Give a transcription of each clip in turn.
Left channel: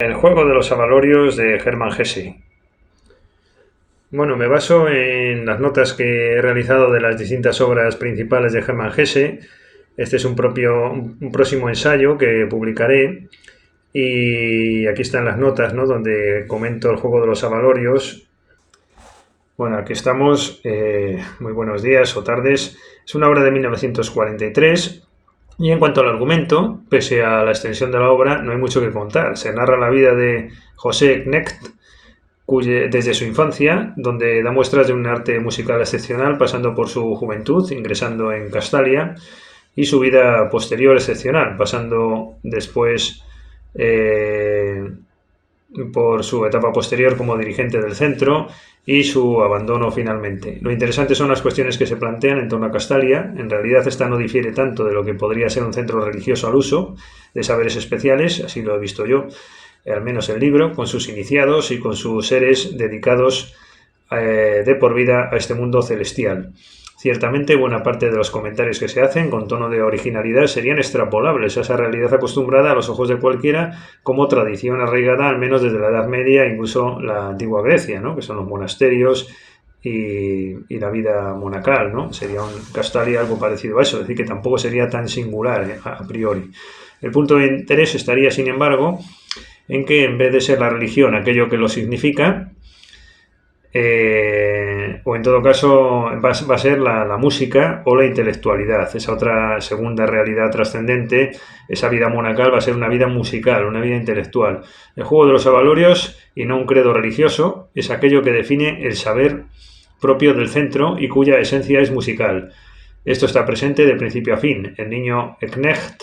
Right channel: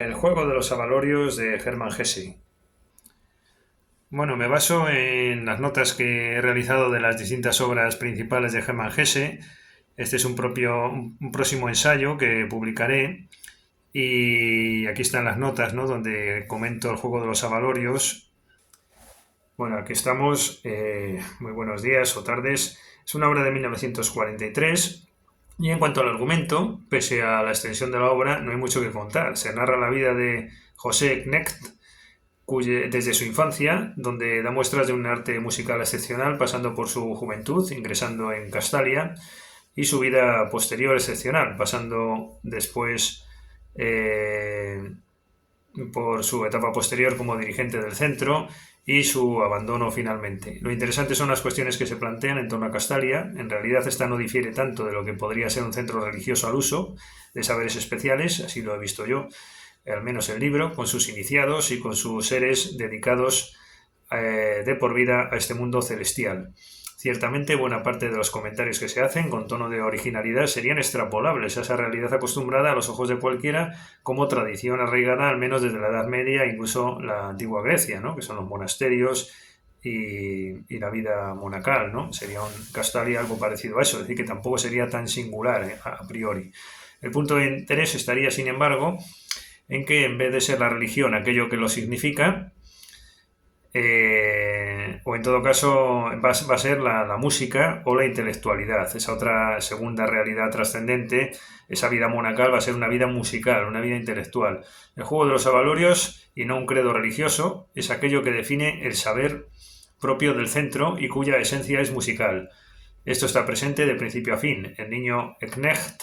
El juego de los avalorios de Hermann Hesse. Bueno, me baso en las notas que he realizado de las distintas obras principales de Hermann Hesse. Este es un próximo ensayo que publicaré y aquí están las notas, ¿no? Donde comento el juego de los avalorios. Bueno, aquí estamos. Muy buenos días o tardes. Es una obra de 1943. Y en cuanto al argumento, pese a la extensión de la obra, no hay mucho que contar. Se narra la vida de José Knecht, desde su infancia, donde da muestras de un arte musical excepcional, pasando por su juventud, ingresando en Castalia, y su vida posterior excepcional, pasando después eh, por su etapa posterior como dirigente del centro y su abandono finalmente. Lo interesante son las cuestiones que se plantean en torno a Castalia. En realidad esta no difiere tanto de lo que podría ser un centro religioso al uso de saberes especiales, así lo he visto yo, al menos el libro, con sus iniciados y con sus seres dedicados de por vida a este mundo celestial. Ciertamente, buena parte de los comentarios que se hacen con tono de originalidad serían extrapolables a esa realidad acostumbrada a los ojos de cualquiera como tradición arraigada al menos desde la Edad Media e incluso la antigua Grecia, ¿no? Que son los monasterios y la vida monacal, ¿no? Sería un Castalia algo parecido a eso, es decir, que tampoco sería tan singular a priori. El punto de interés estaría, sin embargo, en que en vez de ser la religión aquello que lo significa, o en todo caso va a ser la música o la intelectualidad, esa otra segunda realidad trascendente, esa vida monacal va a ser una vida musical, una vida intelectual. El juego de los avalorios, y no un credo religioso, es aquello que define el saber propio del centro y cuya esencia es musical. Esto está presente de principio a fin. El niño Knecht,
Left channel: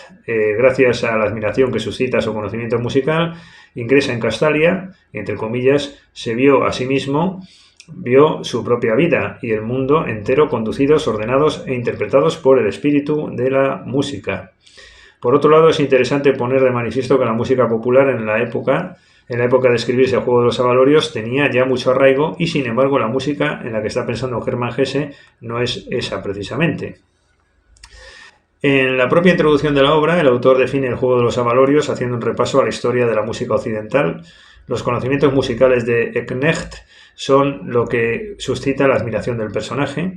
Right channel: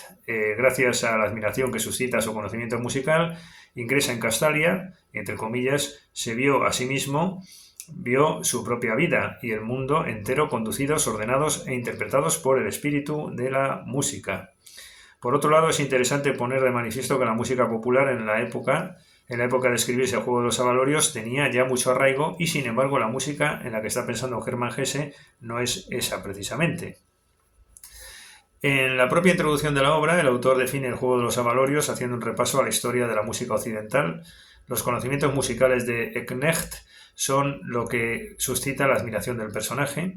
gracias a la admiración que suscita su conocimiento musical, ingresa en Castalia, entre comillas, se vio a sí mismo, vio su propia vida y el mundo entero conducidos, ordenados e interpretados por el espíritu de la música. Por otro lado, es interesante poner de manifiesto que la música popular en la época de escribirse el juego de los avalorios, tenía ya mucho arraigo y, sin embargo, la música en la que está pensando Hermann Hesse no es esa precisamente. En la propia introducción de la obra, el autor define el juego de los avalorios haciendo un repaso a la historia de la música occidental. Los conocimientos musicales de Knecht son lo que suscita la admiración del personaje.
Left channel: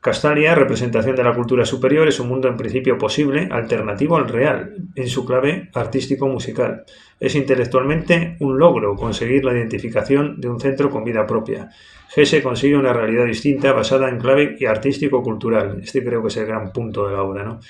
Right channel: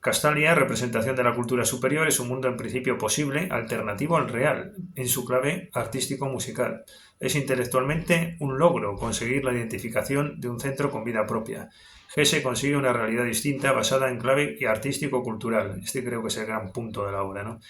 Castalia, representación de la cultura superior, es un mundo en principio posible, alternativo al real, en su clave artístico-musical. Es intelectualmente un logro conseguir la identificación de un centro con vida propia. Hesse consigue una realidad distinta basada en clave y artístico-cultural. Este creo que es el gran punto de la obra, ¿no?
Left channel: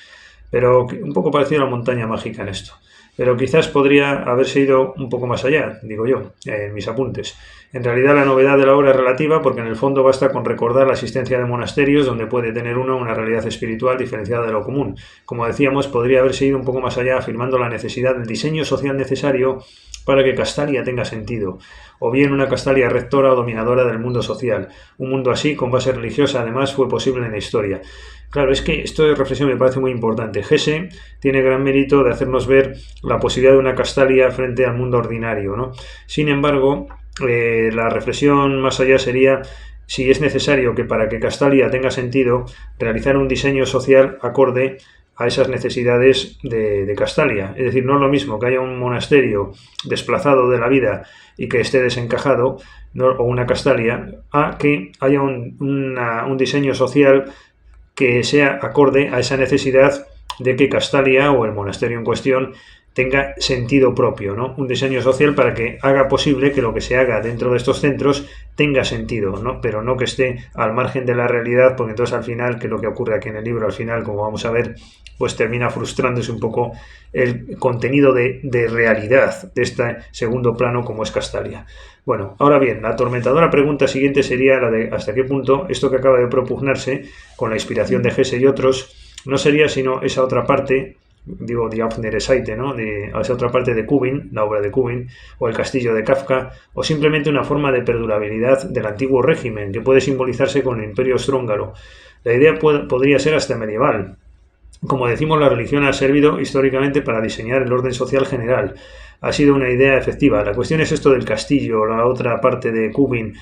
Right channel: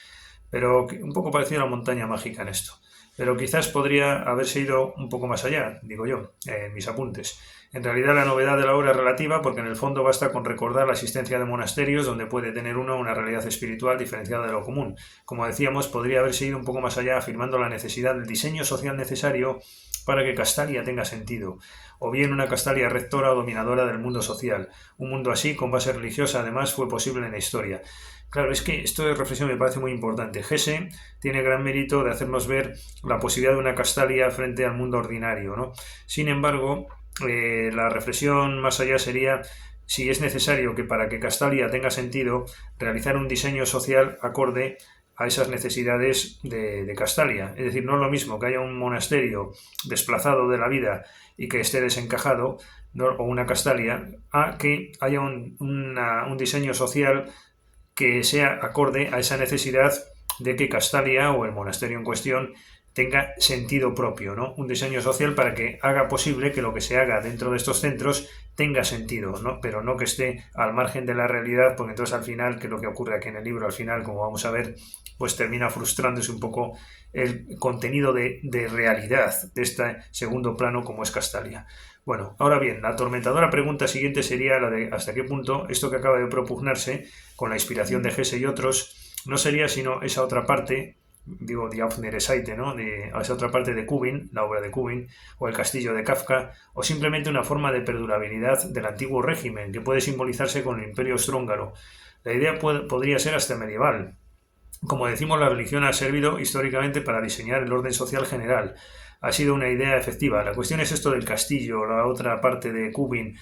Pero un poco parecido a la montaña mágica en esto. Pero quizás podría haberse ido un poco más allá, digo yo, en mis apuntes. En realidad la novedad de la obra es relativa porque en el fondo basta con recordar la existencia de monasterios donde puede tener uno una realidad espiritual diferenciada de lo común. Como decíamos, podría haberse ido un poco más allá afirmando la necesidad del diseño social necesario para que Castalia tenga sentido, o bien una Castalia rectora o dominadora del mundo social. Un mundo así, con base religiosa, además, fue posible en la historia. Claro, es que esto de reflexión me parece muy importante. Hesse tiene gran mérito de hacernos ver la posibilidad de una Castalia frente al mundo ordinario, ¿no? Sin embargo, la reflexión más allá sería si es necesario que para que Castalia tenga sentido realizar un diseño social acorde a esas necesidades de Castalia. Es decir, no es lo mismo que haya un monasterio desplazado de la vida y que esté desencajado, ¿no? O una Castalia, a que haya un diseño social que sea acorde a esa necesidad de que Castalia o el monasterio en cuestión tenga sentido propio, ¿no? Un diseño social para que haga posible que lo que se haga dentro de estos centros tenga sentido, ¿no? Pero no que esté al margen de la realidad, porque entonces al final, que es lo que ocurre aquí en el libro, al final, como vamos a ver, pues termina frustrándose un poco el contenido de realidad de este segundo plano como es Castalia. Bueno, ahora bien, la atormentadora pregunta siguiente sería la de hasta qué punto esto que acaba de propugnarse con la inspiración de Hesse y otros no sería sino esa otra parte, digo, Die offenere Seite, ¿no? Esa otra parte de Kubin, la obra de Kubin, o el castillo de Kafka, o simplemente una forma de perdurabilidad del antiguo régimen que puede simbolizarse con el imperio austrohúngaro. La idea podría ser hasta medieval. Como decimos, la religión ha servido históricamente para diseñar el orden social general. Ha sido una idea efectiva. La cuestión es esto del castillo, la otra parte de Kubin,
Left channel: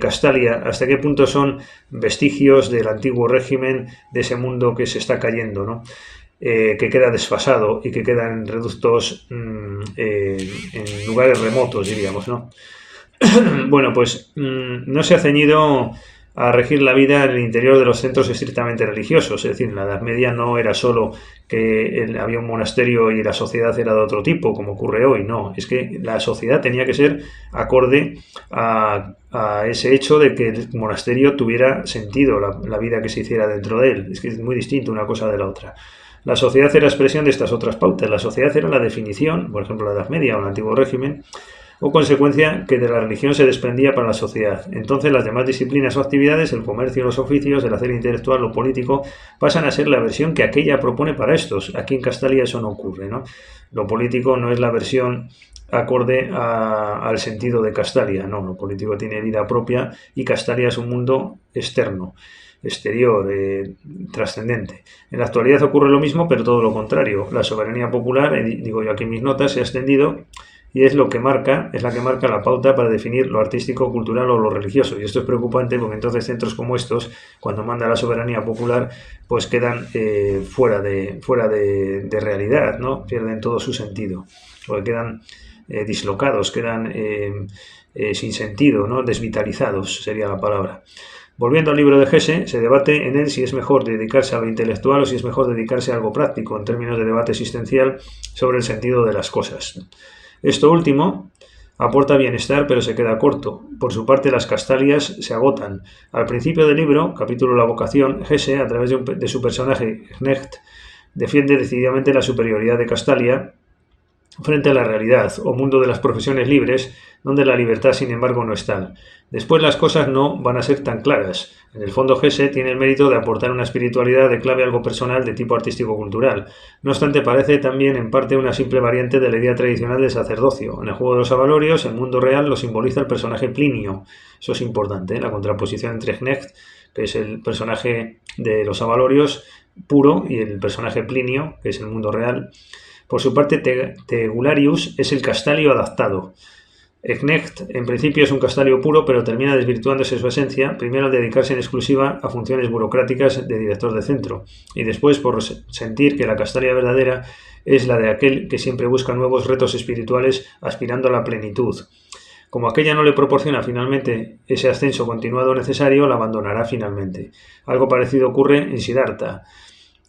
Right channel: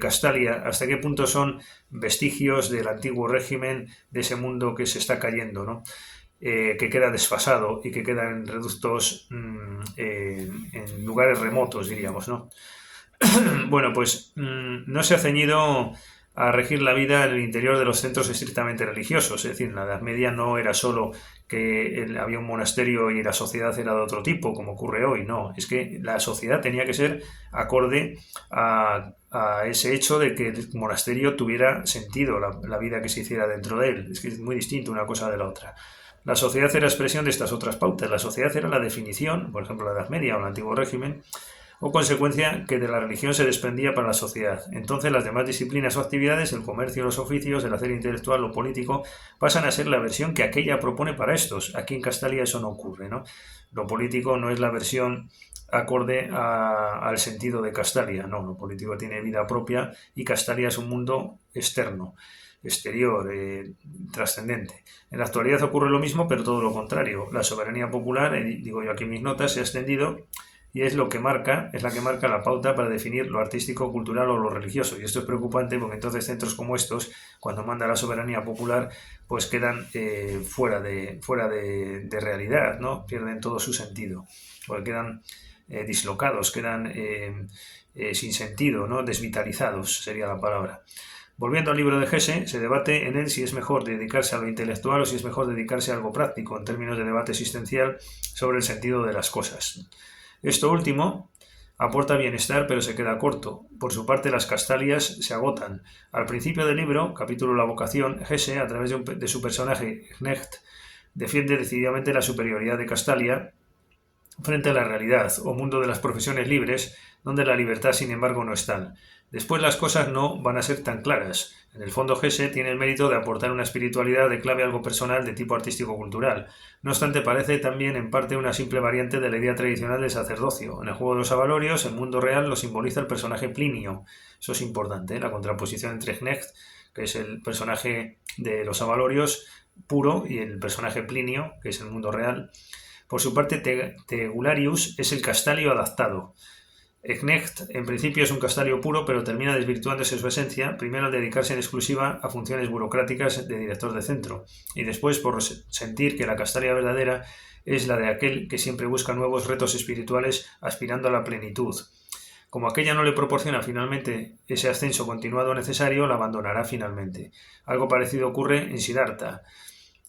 Castalia, hasta qué punto son vestigios del antiguo régimen, de ese mundo que se está cayendo, ¿no? que queda desfasado y que queda en reductos, en lugares remotos, diríamos, ¿no? Bueno, pues no se ha ceñido a regir la vida en el interior de los centros estrictamente religiosos. Es decir, en la Edad Media no era solo que había un monasterio y la sociedad era de otro tipo, como ocurre hoy. No, es que la sociedad tenía que ser acorde a ese hecho de que el monasterio tuviera sentido, la vida que se hiciera dentro de él. Es que es muy distinto una cosa de la otra. La sociedad era expresión de estas otras pautas. La sociedad era la definición, por ejemplo, la Edad Media o el Antiguo Régimen, o consecuencia que de la religión se desprendía para la sociedad. Entonces las demás disciplinas o actividades, el comercio, los oficios, el hacer intelectual, lo político, pasan a ser la versión que aquella propone para estos. Aquí en Castalia eso no ocurre, ¿no? Lo político no es la versión acorde al sentido de Castalia, no, lo político tiene vida propia y Castalia es un mundo externo, exterior, trascendente. En la actualidad ocurre lo mismo, pero todo lo contrario. La soberanía popular, digo yo aquí en mis notas, se ha extendido y es la que marca la pauta para definir lo artístico, cultural o lo religioso. Y esto es preocupante porque entonces centros como estos, cuando manda la soberanía popular, pues quedan fuera de realidad, ¿no? Pierden todo su sentido, porque quedan dislocados, quedan sin sentido, ¿no? Desvitalizados sería la palabra. Volviendo al libro de Hesse, se debate en él si es mejor dedicarse a lo intelectual o si es mejor dedicarse a algo práctico, en términos de debate existencial sobre el sentido de las cosas. Esto último aporta bienestar, pero se queda corto. Por su parte, las Castalias se agotan. Al principio del libro, capítulo La vocación, Hesse, a través de su personaje Knecht, defiende decididamente la superioridad de Castalia frente a la realidad o mundo de las profesiones libres, donde la libertad, sin embargo, no es tal. Después las cosas no van a ser tan claras. En el fondo, Hesse tiene el mérito de aportar una espiritualidad de clave algo personal de tipo artístico-cultural. No obstante, parece también en parte una simple variante de la idea tradicional del sacerdocio. En el juego de los avalorios, el mundo real lo simboliza el personaje Plinio. Eso es importante, ¿eh? La contraposición entre Knecht, que es el personaje de los avalorios puro, y el personaje Plinio, que es el mundo real. Por su parte, Tegularius es el Castalio adaptado. Knecht, en principio, es un Castalio puro, pero termina desvirtuándose su esencia, primero al dedicarse en exclusiva a funciones burocráticas de director de centro, y después por sentir que la Castalia verdadera es la de aquel que siempre busca nuevos retos espirituales aspirando a la plenitud. Como aquella no le proporciona finalmente ese ascenso continuado necesario, la abandonará finalmente. Algo parecido ocurre en Siddhartha.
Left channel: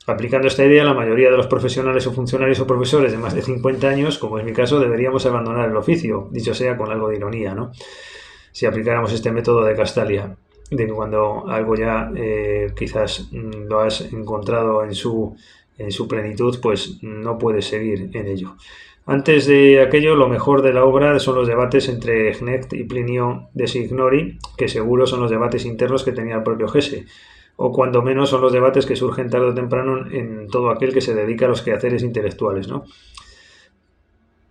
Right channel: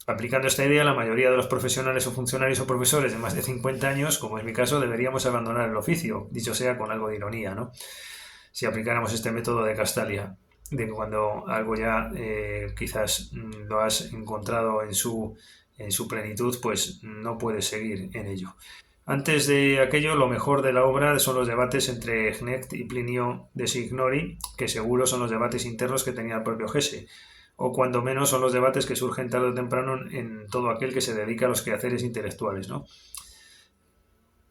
Aplicando esta idea, la mayoría de los profesionales o funcionarios o profesores de más de 50 años, como es mi caso, deberíamos abandonar el oficio, dicho sea con algo de ironía, ¿no? Si aplicáramos este método de Castalia, de que cuando algo ya quizás lo has encontrado en su plenitud, pues no puedes seguir en ello. Antes de aquello, lo mejor de la obra son los debates entre Knecht y Plinio de Signori, que seguro son los debates internos que tenía el propio Hesse, o cuando menos son los debates que surgen tarde o temprano en todo aquel que se dedica a los quehaceres intelectuales, ¿no?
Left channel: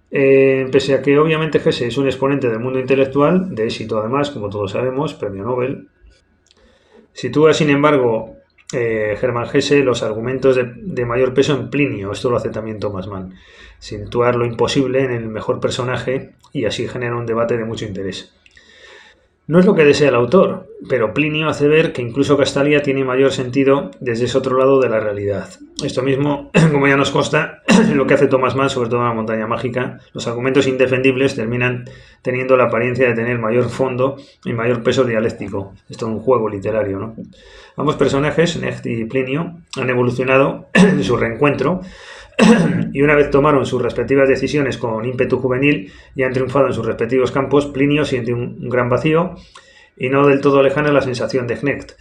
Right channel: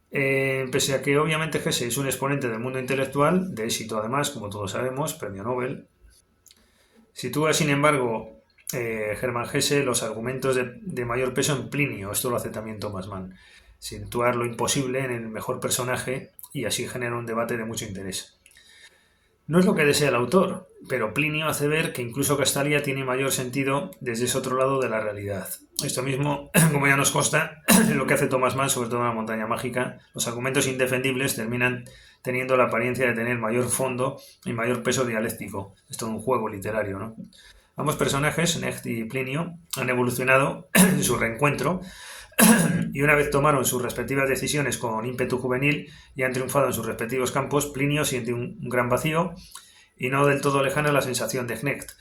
Pese a que obviamente Hesse es un exponente del mundo intelectual, de éxito además, como todos sabemos, premio Nobel, sitúa sin embargo Hermann Hesse los argumentos de mayor peso en Plinio. Esto lo hace también Thomas Mann, situar lo imposible en el mejor personaje y así genera un debate de mucho interés. No es lo que desea el autor, pero Plinio hace ver que incluso Castalia tiene mayor sentido desde ese otro lado de la realidad. Esto mismo, como ya nos consta, lo que hace Thomas Mann, sobre todo en La montaña mágica, los argumentos indefendibles terminan teniendo la apariencia de tener mayor fondo y mayor peso dialéctico. Esto es un juego literario, ¿no? Ambos personajes, Knecht y Plinio, han evolucionado en su reencuentro y una vez tomaron sus respectivas decisiones con ímpetu juvenil y han triunfado en sus respectivos campos, Plinio siente un gran vacío y no del todo lejana la sensación de Knecht.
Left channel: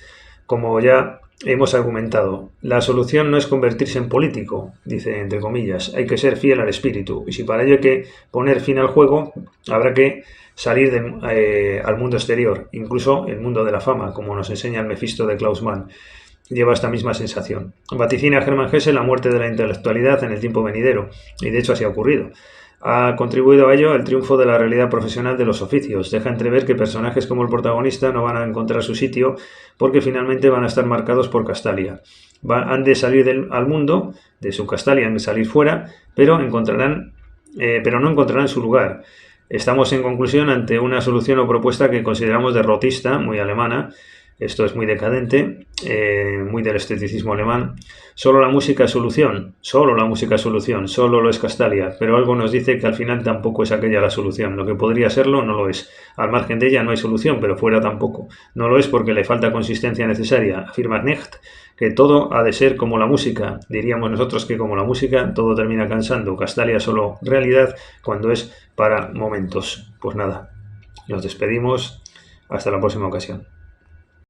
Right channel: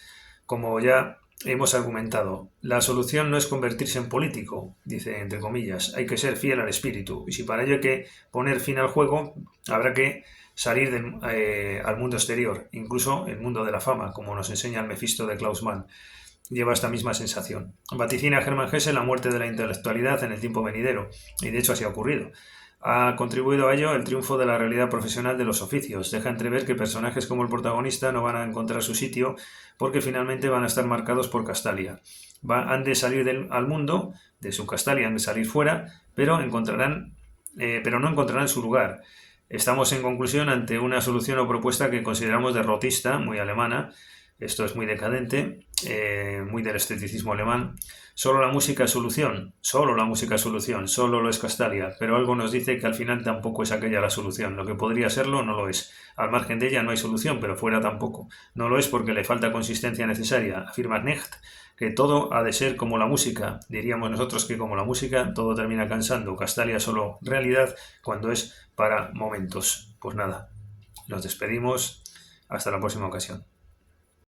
Como ya hemos argumentado, la solución no es convertirse en político, dice entre comillas, hay que ser fiel al espíritu, y si para ello hay que poner fin al juego, habrá que salir al mundo exterior, incluso el mundo de la fama, como nos enseña el Mefisto de Klaus Mann. Lleva esta misma sensación. Vaticina Hermann Hesse la muerte de la intelectualidad en el tiempo venidero, y de hecho así ha ocurrido. Ha contribuido a ello el triunfo de la realidad profesional de los oficios. Deja entrever que personajes como el protagonista no van a encontrar su sitio porque finalmente van a estar marcados por Castalia. Han de salir al mundo, de su Castalia han de salir fuera, pero no encontrarán su lugar. Estamos en conclusión ante una solución o propuesta que consideramos derrotista, muy alemana, Esto es muy decadente, muy del esteticismo alemán. Solo la música es solución, solo la música es solución, solo lo es Castalia, pero algo nos dice que al final tampoco es aquella la solución. Lo que podría serlo no lo es. Al margen de ella no hay solución, pero fuera tampoco. No lo es porque le falta consistencia necesaria. Afirma Knecht que todo ha de ser como la música. Diríamos nosotros que como la música todo termina cansando. Castalia es solo realidad cuando es para momentos. Pues nada, nos despedimos. Hasta la próxima ocasión.